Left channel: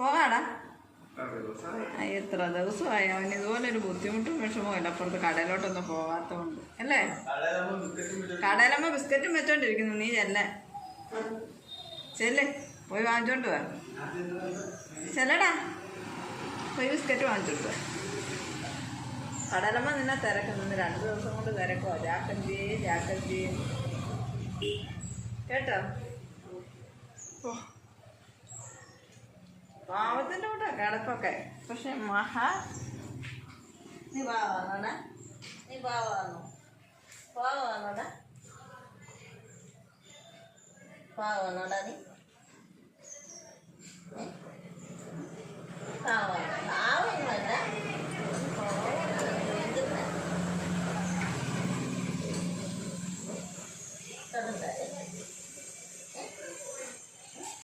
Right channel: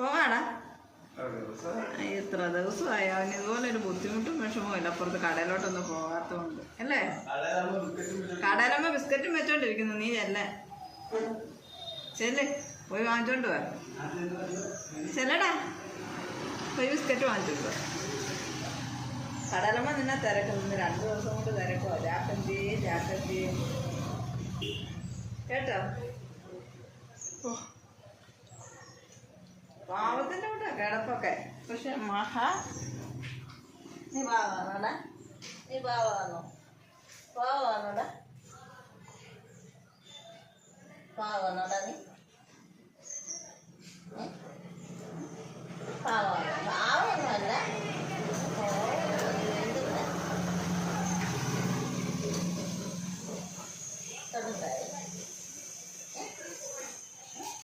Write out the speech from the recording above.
പോകാടാ. ഇത്ര ദിവസമായി അവന് ഇതുപോലൊരു ബുദ്ധിമുട്ടും വിഷമവും ഇല്ല, അപ്പുറത്ത് കടയിലോട്ടൊന്നും പോകാത്തതുകൊണ്ട് അല്ലേ. കടയിലമ്മ ബിസ്ക്കറ്റും വെച്ചോണ്ടിരിക്കുന്നു, നീ ചെല്ലേ പോയി വാങ്ങിച്ചോണ്ട് പോവാ. ചെല്ലടാ, പോയി ബിസ്ക്കറ്റ് വാങ്ങിച്ചോണ്ട് പോവാ. കടലമ്മ നിന്നെ തിരക്കുന്നു, 2 ദിവസം കൊണ്ട് തിരക്കുവാ. ജാക്കഞ്ചി കേട്ടോ. പാവത്തിൻ്റെ കൂട്ടാ കിടപ്പൊക്കെ. പക്ഷെ നീ പാവാണോടാ, നീ പാവാണോടാ നീ